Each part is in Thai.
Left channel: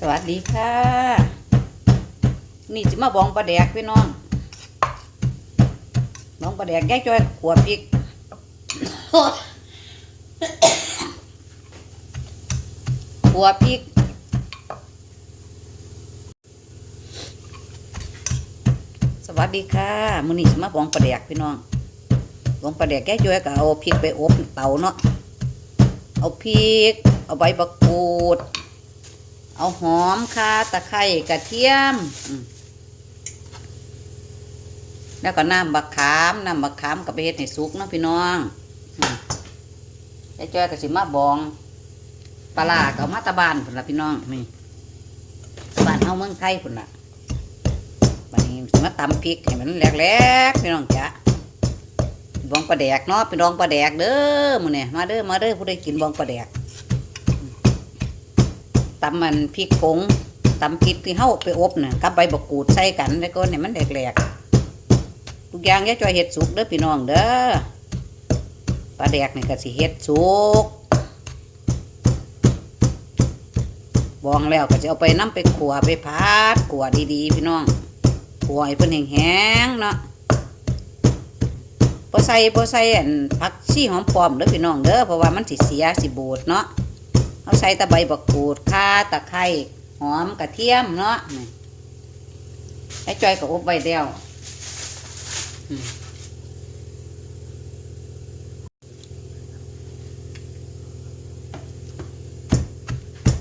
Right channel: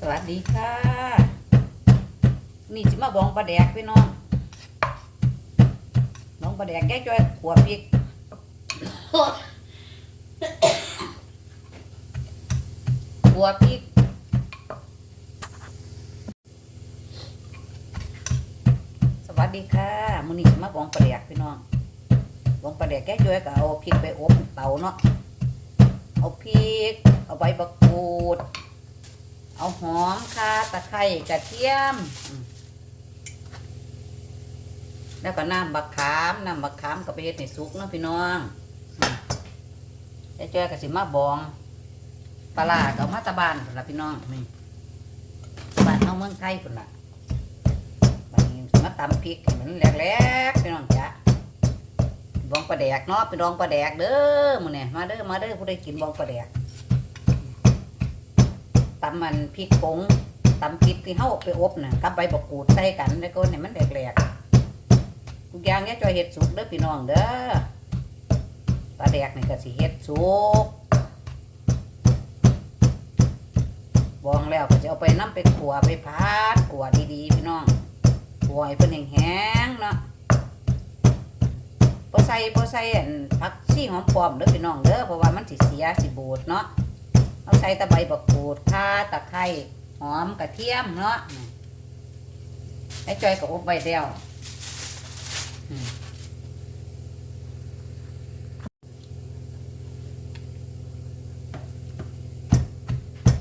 สวัสดีค่ะ นี่สิมาบองปลาแดกพี่น้องน้องปลาแดกแก้จอยขวดพริกขัวพริกสวัสดีค่ะมื้อนี้สิมาบองปลาแดกพี่น้องบองปลาแดกแก้จอยก็เอาพริกไปอบเตาเนาะเอาพริก เอาใบบักกูด เอาหอมข่าตะไคร้กระเทียม แล้วก็น้ำบักขามน้ำบักขามกับเฮ็ดให้สุกเนาะพี่น้องอืมยายจ้อยก็สิมาบองปลาก็เอามาตะบานพุ่นละพี่น้องนี่บ้านเฮาเมืองไทยพุ่นละบัดนี้มาตำพริกให้มันแหลกๆพี่น้องจ้ะบองปลาแดกเนาะไปดองปลาแดกเด้อมื้อนี้มาเด้อมาเด้อผู้ใดกินบองปลาแดก ตำมันพริกผงตำพริกที่เฮาไปอบน่ะกับใบบักกูดใส่กันแล้วก็ให้มันแหลกๆทุกอย่างอย่าจ่อยเฮ็ดสุกเด้อพี่น้องเด้อปลาแดกนี่ก็สิเฮ็ดสุกบองแล้วก็จะเอาไปน้ำไปขัวไปพัดขัวดีๆพี่น้องขัวให้เพิ่นแห้งๆเนาะบ่ใส่บ่ใส่อันผักชีหอมปลอมเด้อพี่น้องเด้อเพราะว่ามันสิเสียสิบูดเนาะ เอาใส่ตะไบบักกูดข่าตะไคร้หอมกระเทียมเนาะไอ้จอยก็อบไว้เดียว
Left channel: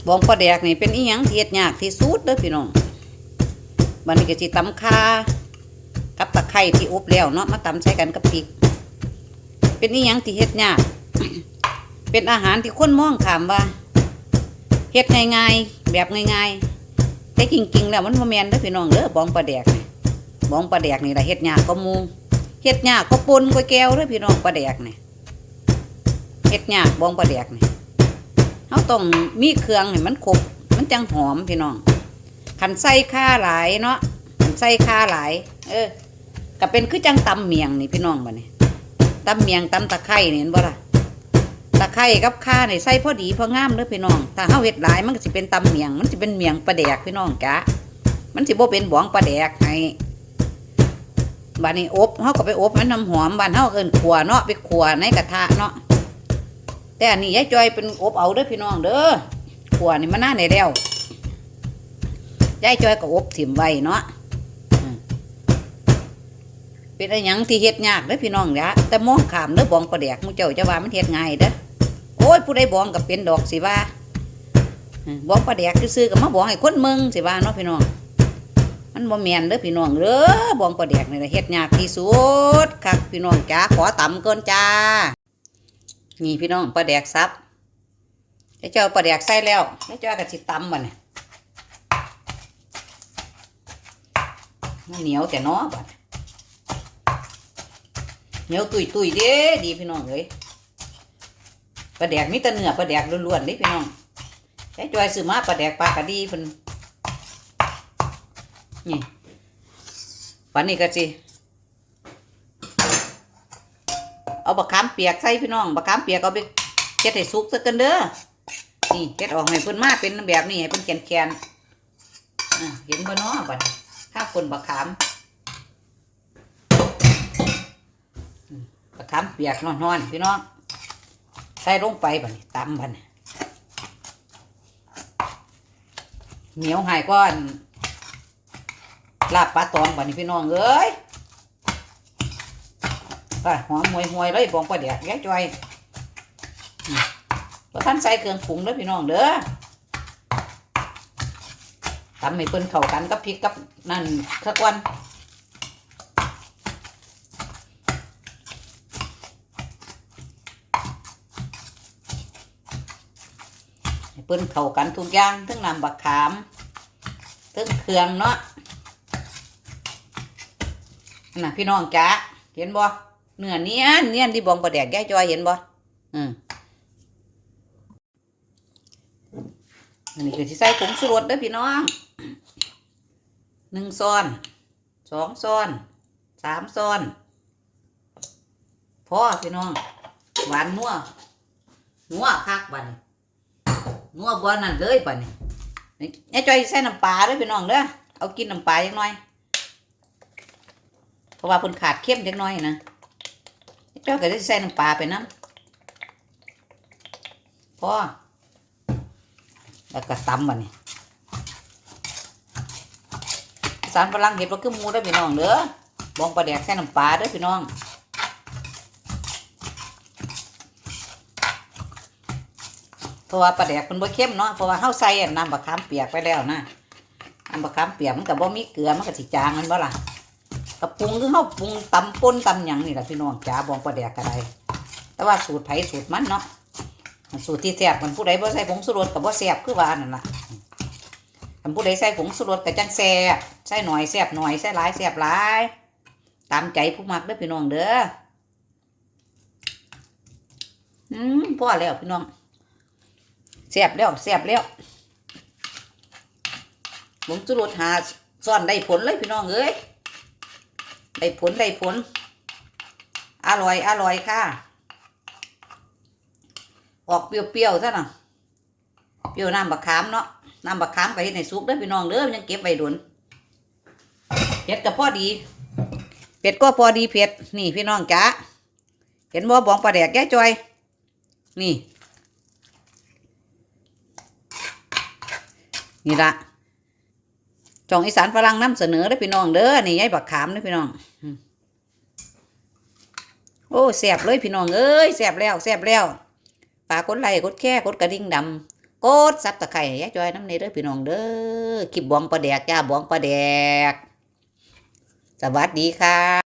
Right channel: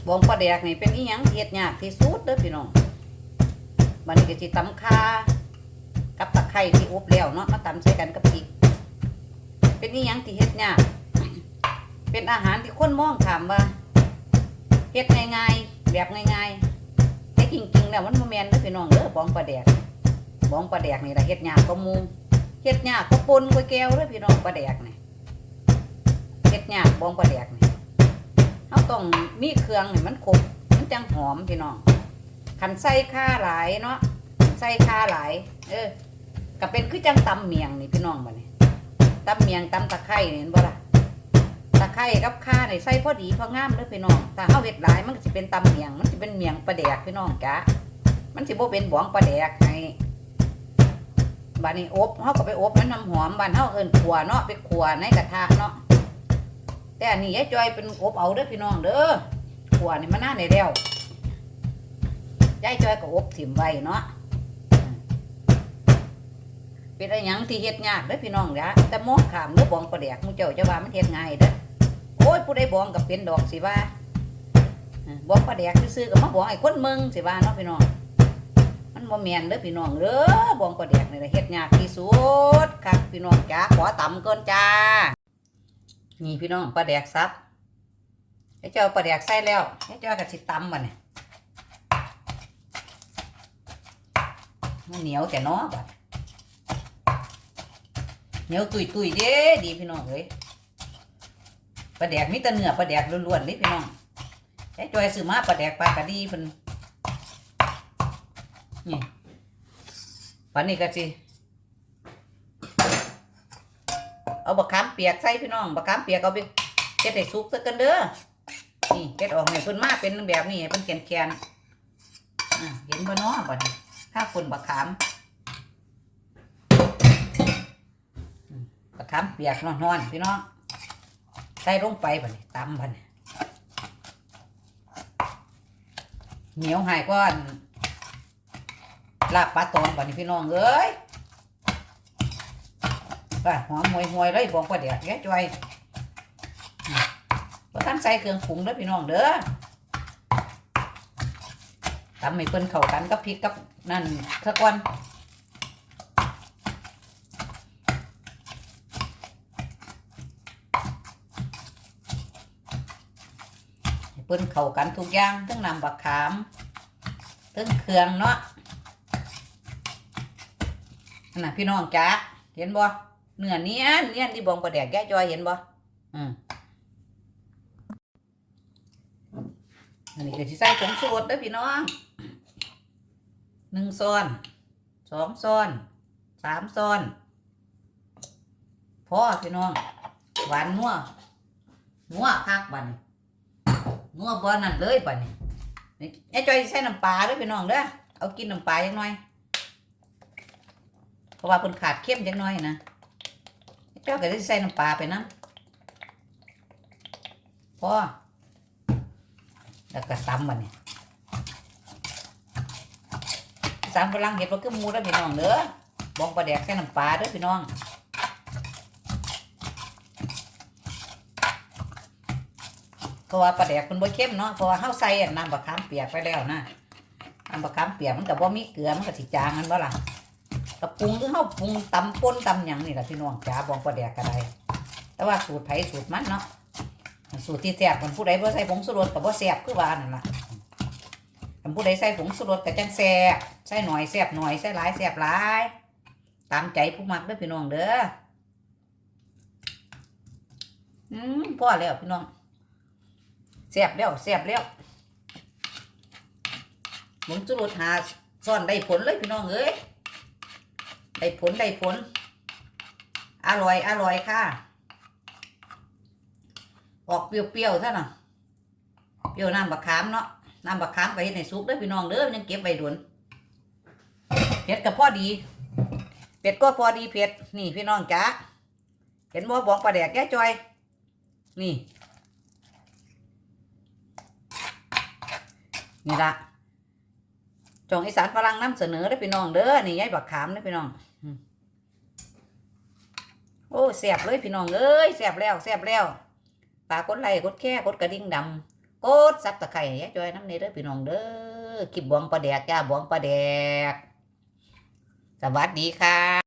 บองปลาแดกนี่เป็นอีหยังที่เฮ็ดยากที่สุดเด้อพี่น้องบัดนี้ก็สิตำข่ากับตะไคร้ที่อบแล้วเนาะมาตำใส่กันกับพริก เป็นอีหยังที่เฮ็ดยาก เป็นอาหารที่คนมองขามว่า เฮ็ดง่ายๆแบบง่ายๆแต่จริงๆแล้วมันบ่แม่นเด้อพี่น้องเด้อบองปลาแดกบองปลาแดกนี่ล่ะเฮ็ดยากก็มูเฮ็ดยากก็ปนก็แก้วเด้อพี่น้องปลาแดกนี่เฮ็ดยากบองปลาแดกนี่เฮาต้องมีเครื่องให้มันครบมันจังหอมพี่น้องคันใส่ข่าหลายเนาะคันใส่ข่าหลาย เออก็เป็นคือจังตำเมียงนี่พี่น้องบัดนี้ตำเมียงตำตะไคร้นี่เห็นบ่ล่ะะไคร้กับข่าเนี่ยใส่พอดีพองามเด้อพี่น้อง ถ้าเฮาเฮ็ดหลายมันก็สิเป็นตำเมียง มันสิเป็นเมียงปลาแดกพี่น้องจ้ะมันสิบ่เป็นบองปลาแดกให้บัดนี้อบเฮาก็ไปอบมันน้ำหอมบ้านเฮาเอิ้นขัวเนาะไปขัวในกระทะเนาะแต่อันนี้ยายจอยเป็นอบเอาเด้อพี่น้องเด้อขัวนี่มันน่าได้แล้วยายจอยก็อบถิ่มไว้เนาะเป็นอะไรยังที่เฮ็ดยากเด้อพี่น้องจ้ะแต่มองขามเด้อบองปลาแดกมู่เจ้าจะว่ามันเฮ็ดง่ายเด้อ ยผู้ใดบองกับเป็นดอกสิว่าบองปลาแดกซื่อกับมาบองให้คนเมืองสิว่าเนาะพี่น้องมันบ่แมนเด้อพี่น้องเด้อบองปลาแดกนี่ล่ะเฮ็ดยากที่สุดครับพี่น้องจ้าขอต่ำก่อนจ้านี่พี่น้องปลาแดกซับให้เจ้าปลาแดกใส่แล้วให้เจ้าก็สิตำบัดนี้มันเหนียวแต่เน้อบัดเหนียวตุยๆเด้ดีพี่น้องเอ้ย ปลาแดกมีแต่เนื้อปลาแดกล้วนๆนี่พี่น้องใช้จอยซื้อมาปลาแดกปลากระดีเพิ่นนี่วันนี้ก็สิเอาบะขามเปียกใส่พี่น้องบะขามเปียกเอาไปเฮ็ดให้สุกซะกันเด้อนี่เฮ็ดออกให้เพิ่นมาเป็นแบบนี้ให้เพิ่นแข็งๆเห็นบ่เนาะบัดนี้ถ้าคนบะขามอืมบะขามเปียกนอนๆพี่น้อง ใส่ลงไปบันตำบันเหนียวหายก้อนลาบปลาตองบันี้พี่น้องเอ้ยก็หอมหวยหวยเลยบองปลาแดกแย่จอยพอท่านใส่เครื่องปรุงเด้อพี่น้องเด้อทำให้เพิ่นเข้ากันกับพริกกับนั่นข้าวกวน เปิ้นเข้ากันทุกอย่างทั้งน้ำบักขามทั้งเครื่องเนาะน่ะพี่น้องจ้าเห็นบ่เนื้อเนี้ยเนี้ยที่บองประแดกแก้จอยเห็นบ่อืมอันนี้คือที่ใส่ผงชูรสเด้อพี่น้องหนึ่งซ้อนสองซ้อนสามซ้อนพอพี่น้องหวานนัวนัวคักบัดนี้ นัวบ่นั่นเลยป่ะนี่นี่ไอ้จอยใส่น้ำปลาด้อพี่น้องเด้อเอากินน้ำปลาจังหน่อย เพราะว่าเพิ่นขาดเข้มจังหน่อยนะไอ้จอยก็ได้ใส่น้ำปลาไปนะพอแล้วก็ตำบัดนี้อีสารฝรั่งเห็ดว่าคือมูเด้พี่น้องเด้อ บองปลาแดกใส่น้ำปลาเด้อพี่น้อง เพ ราะว่าปลาแดกมันบ่เข้มเนาะเพราะว่าเฮาใส่อันน้ำบะขามเปียกไปแล้วนะน้ำบะขามเปียกมันก็บ่มีเกลือมันก็สิจางมันบ่ล่ะก็ปรุงคือเฮาปรุงตำป่นตำหยังนี่ล่ะพี่น้องจ๋าบองปลาแดกก็ได้แต่ว่าสูตรไผสูตรมันเนาะสูตรที่แซ่บมันผู้ใดบ่ใส่ผงชูรสก็บ่แซ่บคือว่านั่นล่ะคันผู้ใดใส่ผงชูรสก็จังแซ่บใส่หน่อยแซ่บหน่อยใส่หลายแซ่บหลายตามใจผู้มักเด้อพี่น้องเด้ออืมพอแล้วพี่น้อง สียบแล้วเสียบแล้วหมุนจุรุดหาซ่อนได้ผลเลยพี่น้องเอ้ยได้ผลได้ผล อร่อยอร่อยค่ะ ออกเปรี้ยวๆซะหน่ะเปรี้ยวน้ำบักขามเนาะน้ำบักขามไปในซุปเด้อพี่น้องเด้อยังเก็บไว้ดุนเผ็ดก็พอดีเผ็ดก็พอดีเผ็ดนี่พี่น้องจ๋าเห็นบ่บองปลาแดกแก้จอย นี่ นี่ละจ่องอีสานฝรั่งนำเสนอได้พี่น้องเด้อนี่ยายบักขามเด้พี่น้องโอ้แซ่บเลยพี่น้องเอ้ยแซ่บแล้วแซ่บแล้วฝากกดไลค์กดแค่กดกระดิ่งดำกดซับตะไคร้ยายจอยน้ำนี่เด้อพี่น้องเด้อคลิปบองปลาแดกจ้าบองปลาแดก สวัสดีค่ะ